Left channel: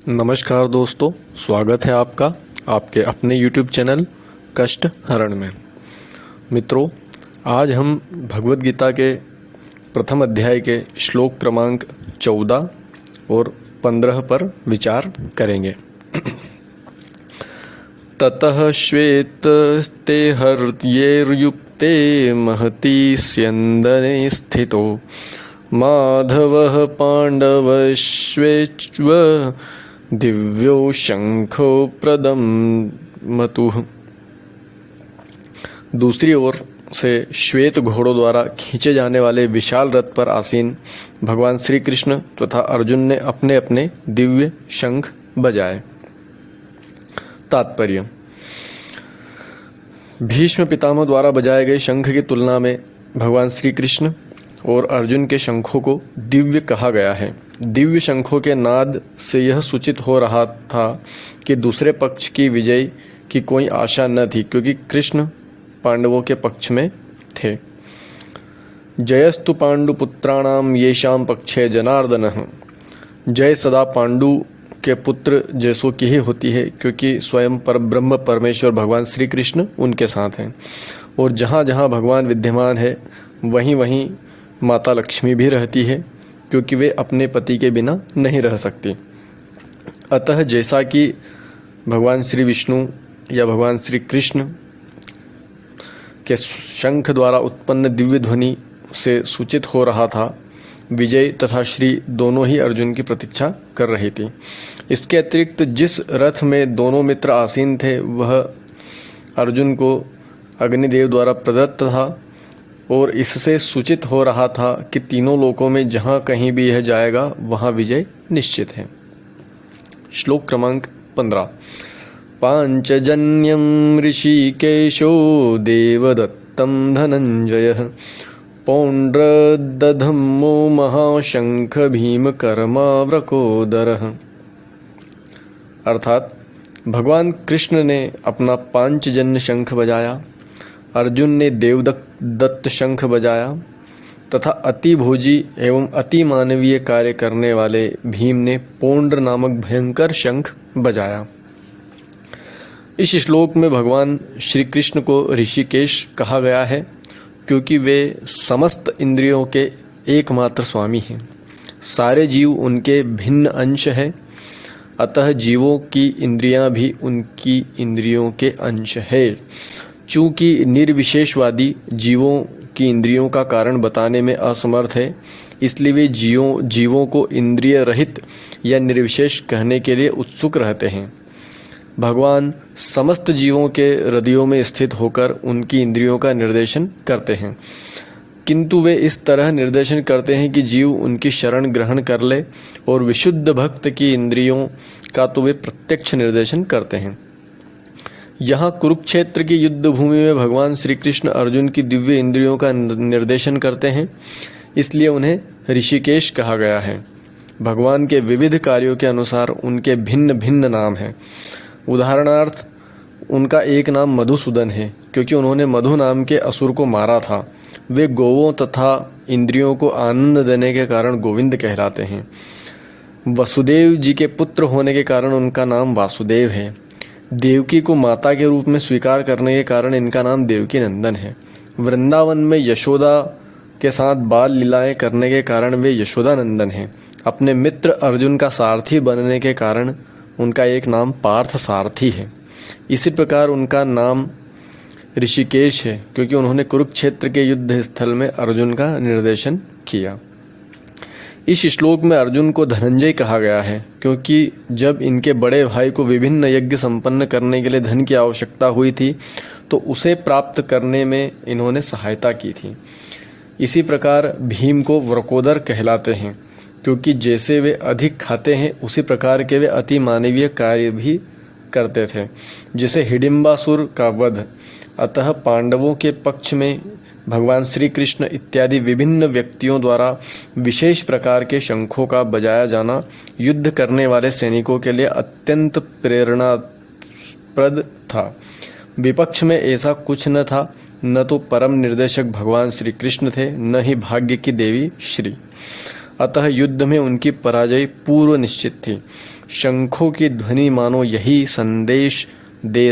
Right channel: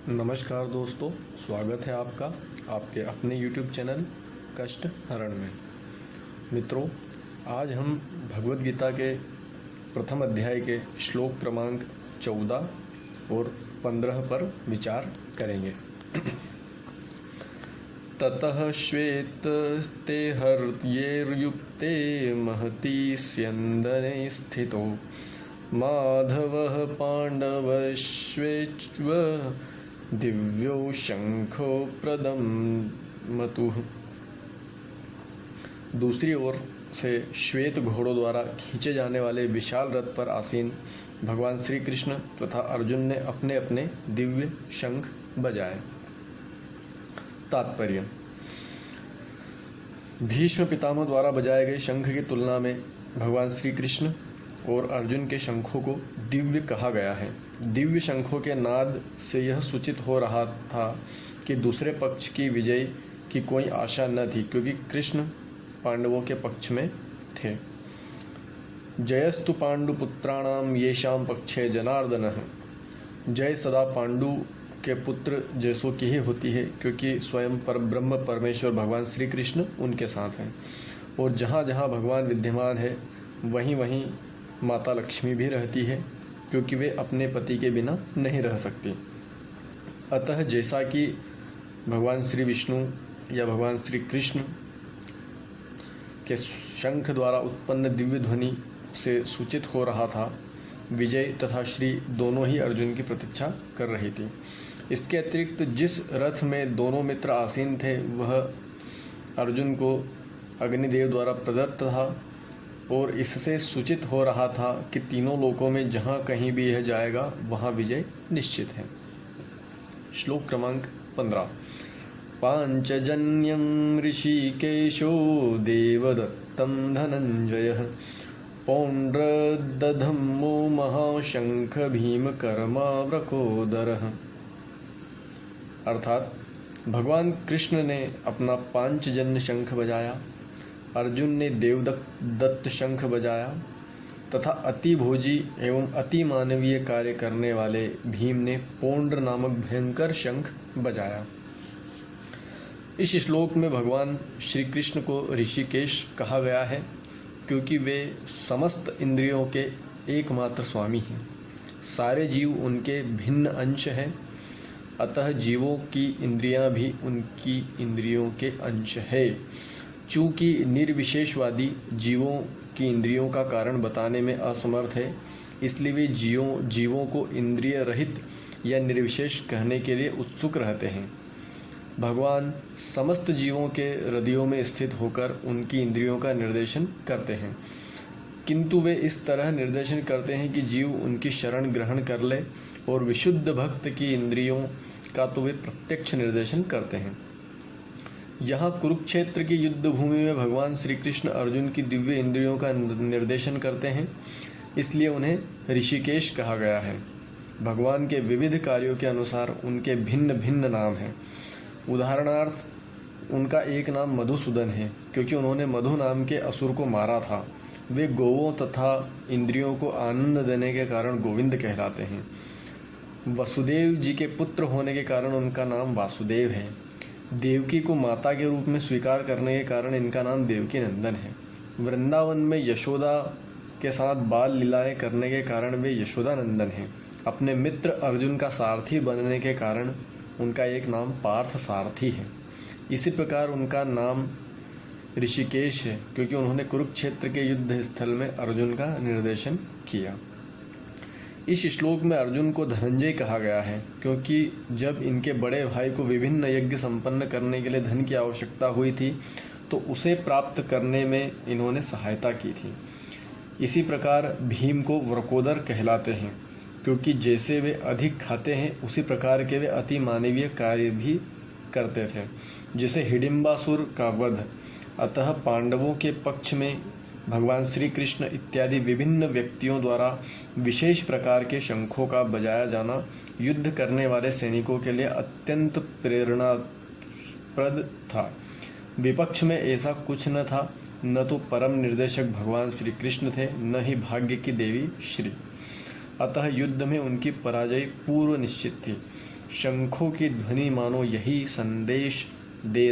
नमस्कार दोस्तों, स्वागत है आपका आपके अपने YouTube चैनल कष्ट हरण में। मित्रों, आज हम भगवत गीता के प्रथम अध्याय के श्लोक क्रमांक 14 और 15 पर विचार करेंगे। ततः श्वेतस्ते हर्येर्युक्ते महती स्यन्दने स्थितो माधवः पाण्डवश्वेच्व दिव्यो शंखो प्रदमतुः। दूसरी ओर से श्वेत घोड़ों द्वारा खींचे जाने वाले विशाल रथ पर आसीन भगवान श्री कृष्ण तथा अर्जुन ने अपने अपने दिव्य शंख बजाए। तात्पर्य: भीष्म पितामह द्वारा बजाए गए शंख की तुलना में भगवान श्री कृष्ण और अर्जुन के शंखों को दिव्य कहा गया है। दिव्य शंखों के नाद से यह सूचित हो रहा था कि दूसरे पक्ष की विजय की कोई आशा न थी, क्योंकि कृष्ण पांडवों के पक्ष में थे। जयस्तु पांडुपुत्राणाम येषां पक्षे जनार्दनः। जय सदा पांडु के पुत्र जैसों की ही होती है, क्योंकि स्वयं परब्रह्म परमेश्वर भगवान श्री कृष्ण उनके साथ हैं। और जहाँ जहाँ भगवान विद्यमान है वहीं वहीं माता लक्ष्मी भी रहती है, क्योंकि वे अपने पति के बिना नहीं रह सकती। अतः जैसा कि भगवान श्री विष्णु या भगवान श्री कृष्ण के शंख द्वारा उत्पन्न दिव्य ध्वनि से सूचित हो रहा था, विजय तथा श्री दोनों ही अर्जुन की प्रतीक्षा कर रही थी। इसके अतिरिक्त जिस रथ में दोनों मित्र आसीन थे वह अर्जुन को अग्निदेव द्वारा प्रदत्त था, और इससे सूचित हो रहा था कि तीनों लोकों में जहाँ कहीं भी यह जाएगा वहाँ विजय निश्चित है। श्लोक क्रमांक 15। पांचजन्यम ऋषिकेशो देवदत्तं धनंजयः पौंड्रदधम्मो महाशंख भीमकर्मावृकोदरः। अर्थात भगवान कृष्ण ने अपना पांचजन्य शंख बजाया, अर्जुन ने देवदत्त शंख बजाया तथा अति भोजी एवं अति मानवीय कार्य करने वाले भीम ने पौंड्र नामक भयंकर शंख बजाया। इस श्लोक में भगवान श्री कृष्ण को ऋषिकेश कहा गया है, क्योंकि वे समस्त इंद्रियों के एकमात्र स्वामी हैं। सारे जीव उनके भिन्न अंश हैं, अतः जीवों की इंद्रियां भी उनकी इंद्रियों के अंश है। चूँकि निर्विशेषवादी जीवों की इंद्रियों का कारण बताने में असमर्थ है, इसलिए वे जीवों को इंद्रिय रहित या निर्विशेष कहने के लिए उत्सुक रहते हैं। भगवान समस्त जीवों के हृदयों में स्थित होकर उनकी इंद्रियों का निर्देशन करते हैं, किंतु वे इस तरह निर्देशन करते हैं कि जीव उनकी शरण ग्रहण कर ले, और विशुद्ध भक्त की इंद्रियों का तो वे प्रत्यक्ष निर्देशन करते हैं। यहाँ कुरुक्षेत्र की युद्ध भूमि में भगवान श्री कृष्ण अर्जुन की दिव्य इंद्रियों का निर्देशन करते हैं, इसलिए उन्हें ऋषिकेश कहा गया है। भगवान के विविध कार्यों के अनुसार उनके भिन्न भिन्न नाम हैं। उदाहरणार्थ, उनका एक नाम मधुसूदन है, क्योंकि उन्होंने मधु नाम के असुर को मारा था। वे गोवों तथा इंद्रियों को आनंद देने के कारण गोविंद कहलाते हैं। वसुदेव जी के पुत्र होने के कारण उनका नाम वासुदेव है। देवकी को माता के रूप में स्वीकार करने के कारण इनका नाम देवकी नंदन है। वृंदावन में यशोदा के साथ बाल लीलाएं करने के कारण वे यशोदा नंदन हैं। अपने मित्र अर्जुन का सारथी बनने के कारण उनका एक नाम पार्थ सारथी है। इसी प्रकार उनका नाम ऋषिकेश है, क्योंकि उन्होंने कुरुक्षेत्र के युद्ध स्थल में अर्जुन का निर्देशन किया। इस श्लोक में अर्जुन को धनंजय कहा गया है, क्योंकि जब इनके बड़े भाई को विभिन्न यज्ञ संपन्न करने के लिए धन की आवश्यकता हुई थी तो उसे प्राप्त करने में इन्होंने सहायता की थी। इसी प्रकार भीम को वृकोदर कहलाते हैं, क्योंकि जैसे वे अधिक खाते हैं उसी प्रकार के वे अति मानवीय कार्य भी करते थे, जैसे हिडिंबासुर का वध। अतः पांडवों के पक्ष में भगवान श्री कृष्ण इत्यादि विभिन्न व्यक्तियों द्वारा विशेष प्रकार के शंखों का बजाया जाना युद्ध करने वाले सैनिकों के लिए अत्यंत प्रेरणाप्रद था। विपक्ष में ऐसा कुछ न था, न तो परम निर्देशक भगवान श्री कृष्ण थे, न ही भाग्य की देवी श्री। अतः युद्ध में उनकी पराजय पूर्व निश्चित थी। शंखों की ध्वनि मानो यही संदेश दे